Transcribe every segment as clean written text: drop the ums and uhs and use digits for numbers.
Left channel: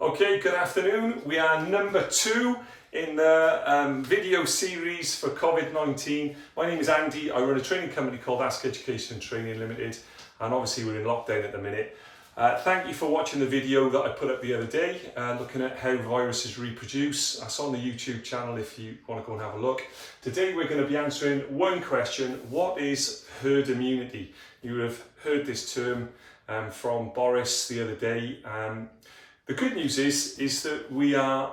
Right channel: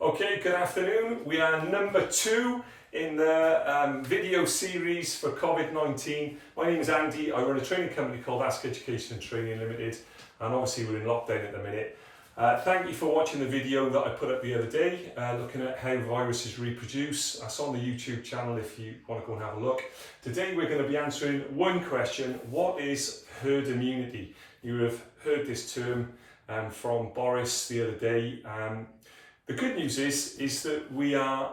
Okay, good afternoon. We are number 2 in the video series for Covid-19. My name is Andy. I run a training company called Ask Education and Training Limited, and obviously we're in lockdown at the minute. Thank you for watching the video that I put up the other day, looking at how viruses reproduce. That's on the YouTube channel if you want to go and have a look. Today we're going to be answering one question: what is herd immunity? You have heard this term from Boris the other day. The good news is that we are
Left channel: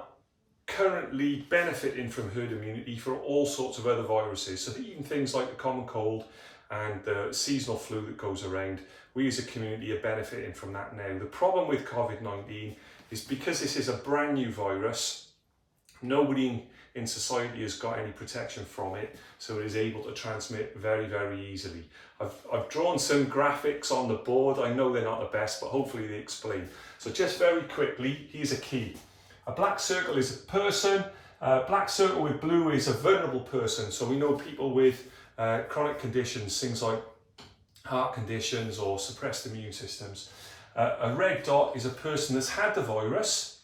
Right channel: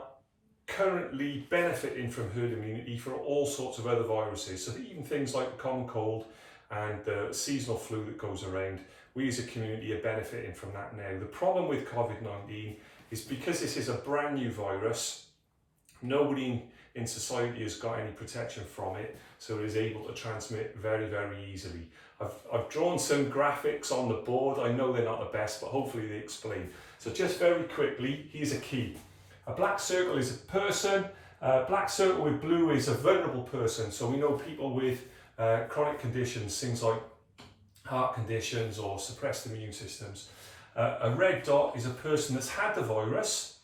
currently benefiting from herd immunity for all sorts of other viruses. So even things like the common cold and the seasonal flu that goes around, we as a community are benefiting from that now. The problem with Covid-19 is because this is a brand new virus, nobody in society has got any protection from it, so it is able to transmit very, very easily. I've drawn some graphics on the board. I know they're not the best, but hopefully they explain. So just very quickly, here's a key. A black circle is a person. A black circle with blue is a vulnerable person. So we know people with chronic conditions, things like heart conditions or suppressed immune systems. A red dot is a person that's had the virus,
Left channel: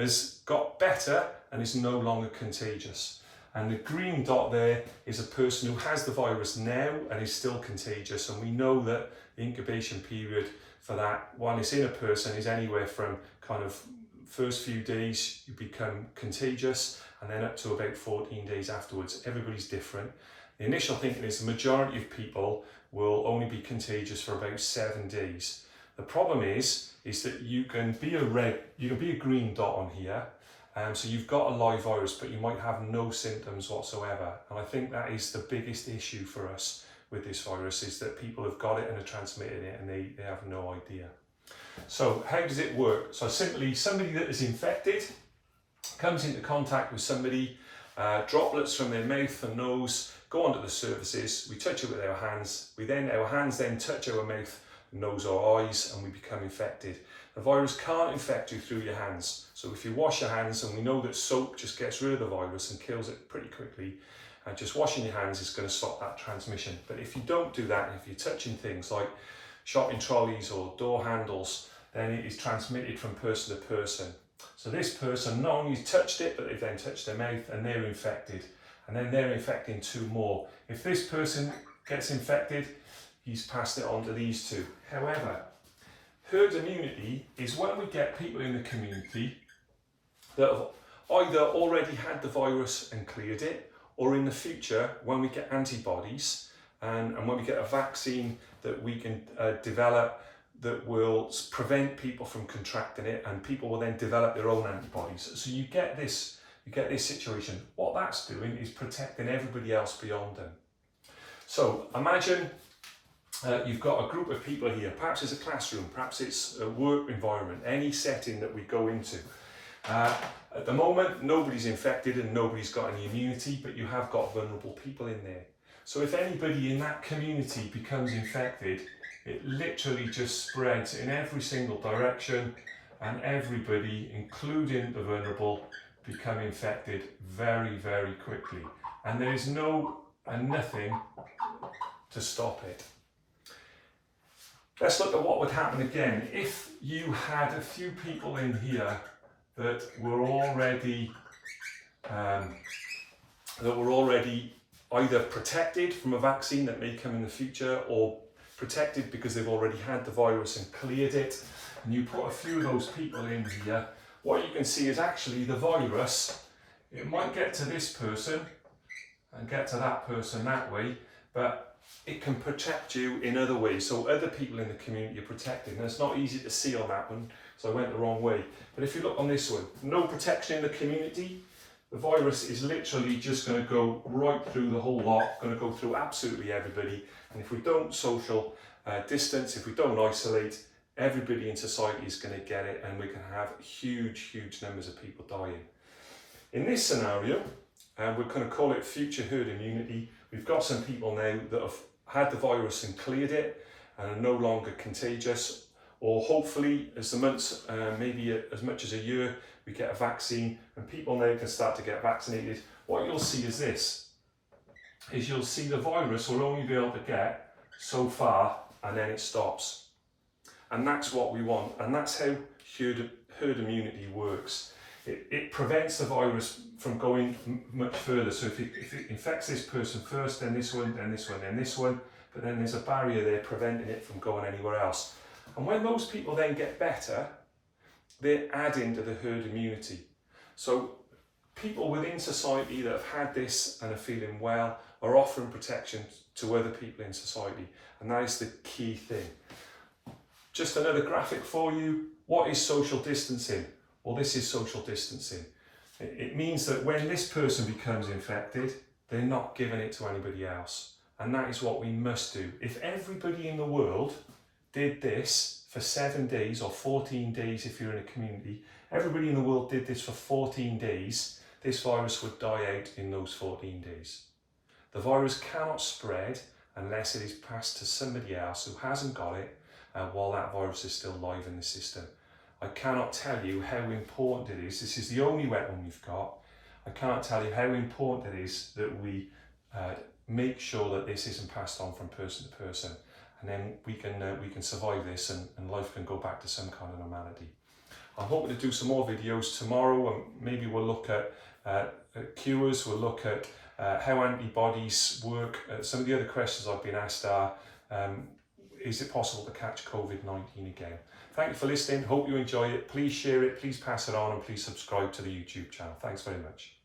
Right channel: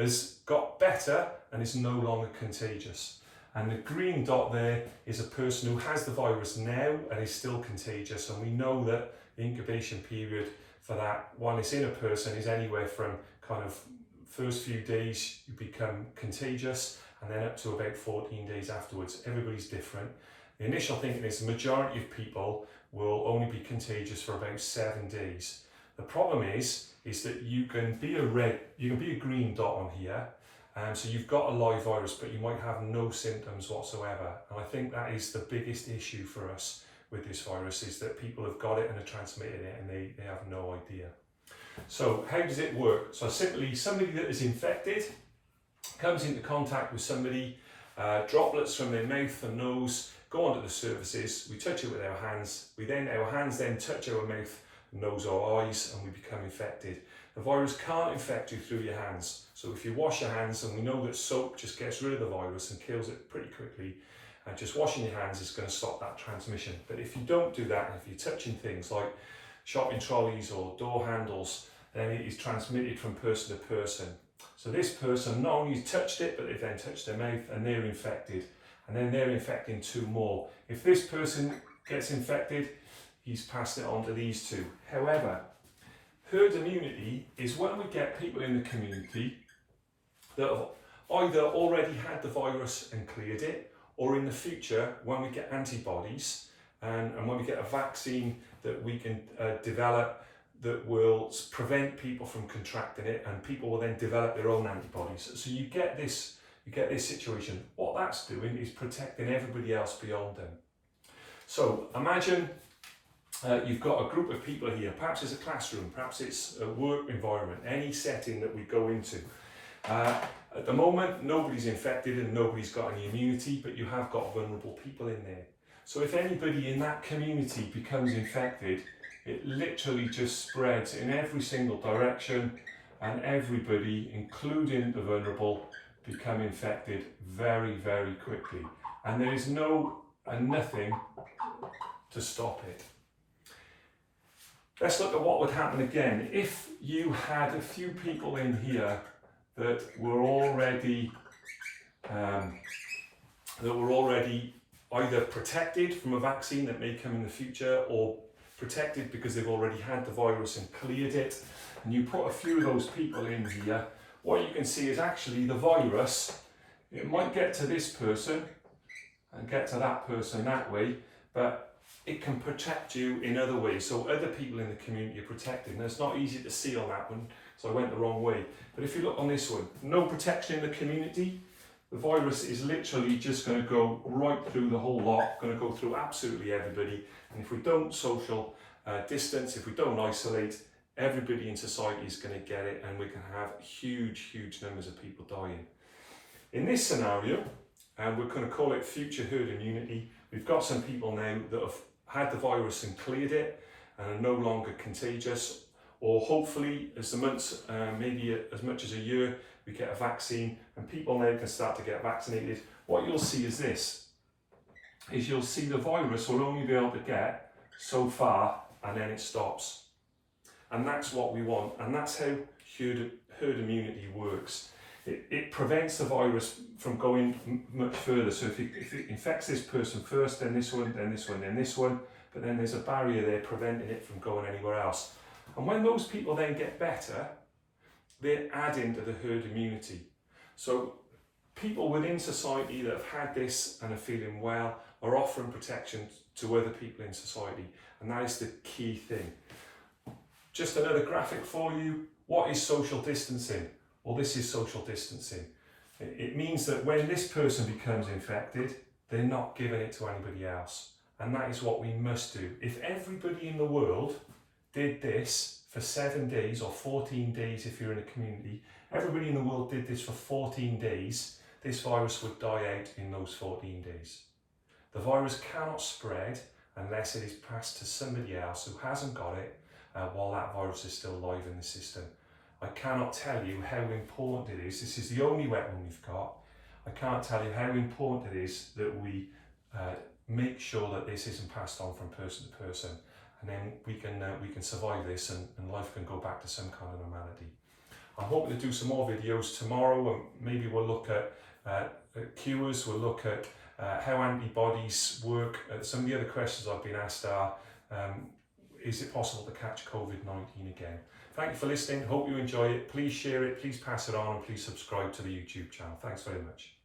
has got better and is no longer contagious. And the green dot there is a person who has the virus now and is still contagious. And we know that the incubation period for that, when it's in a person, is anywhere from kind of first few days you become contagious and then up to about 14 days afterwards. Everybody's different. The initial thinking is the majority of people will only be contagious for about 7 days. The problem is that you can be a green dot on here. So you've got a live virus, but you might have no symptoms whatsoever. And I think that is the biggest issue for us with this virus, is that people have got it and are transmitting it and they have no idea. So how does it work? So simply, somebody that is infected comes into contact with somebody, droplets from their mouth and nose go onto the surfaces, we touch it with our hands, our hands then touch our mouth, nose or eyes, and we become infected. The virus can't infect you through your hands. So if you wash your hands, and we know that soap just gets rid of the virus and kills it pretty quickly, and just washing your hands is going to stop that transmission. But if you don't do that, and if you're touching things like shopping trolleys or door handles, then it is transmitted from person to person. So this person not only touched it, but they've then touched their mouth and they're infected. And then they're infecting 2 more. If this person gets infected, he's passed it on to these 2. However, herd immunity is when we get people in the community that have either already had the virus and cleared it, or in the future when we get antibodies and when we get a vaccine that we can develop that will prevent people from contracting it, and people will then develop their own antibodies. So you get this situation. What that's doing is protecting everybody else beyond them. So imagine you've got a group of people here, perhaps it's a classroom, perhaps it's a work environment, any setting that we go into. At the moment, nobody's infected and nobody's got any immunity, but you have got vulnerable people in there. So if anybody in that community becomes infected, it literally just spreads in every single direction, and everybody, including the vulnerable, become infected very, very quickly. And there is nothing to stop it. Let's look at what would happen again if you had a few people in here that were already either protected from a vaccine that may come in the future, or protected because they've already had the virus and cleared it, and you put a few of those people in here. What you can see is actually the virus, it might get to this person and get to that person that way, but it can protect you in other ways. So other people in the community are protected. Now it's not easy to see on that one, so I went the wrong way. But if you look on this one, no protection in the community, the virus is literally just going to go right through the whole lot, going to go through absolutely everybody. And if we don't social distance, if we don't isolate, everybody in society is going to get it, and we can have huge, huge numbers of people dying. In this scenario, and we're going to call it future herd immunity, we've got some people now that have had the virus and cleared it and are no longer contagious, or hopefully as the months, maybe as much as a year, we get a vaccine and people now can start to get vaccinated. What you'll see is this, is you'll see the virus will only be able to get so far and then it stops. And that's what we want, and that's how herd immunity works. It prevents the virus from going much further. So if it infects this person first, then this one, then this one, then this one, but then there's a barrier there preventing it from going anywhere else. And when those people then get better, they're adding to the herd immunity. So people within society that have had this and are feeling well are offering protection to other people in society. And that is the key thing. Just another graphic for you. What is social distancing? Well, this is social distancing. It means that when this person becomes infected, they're not giving it to anybody else. And that is what we must do. If everybody in the world did this for 7 days or 14 days if you're in a community, everybody in the world did this for 14 days, this virus would die out in those 14 days. The virus cannot spread unless it is passed to somebody else who hasn't got it while that virus is still live in the system. I cannot tell you how important it is. This is the only weapon we've got. I can't tell you how important it is that we make sure that this isn't passed on from person to person, and then we can survive this and life can go back to some kind of normality. I'm hoping to do some more videos tomorrow, and maybe we'll look at cures, we'll look at how antibodies work. Some of the other questions I've been asked are, is it possible to catch COVID-19 again? Thank you for listening. Hope you enjoy it. Please share it, please pass it on, and please subscribe to the YouTube channel. Thanks very much.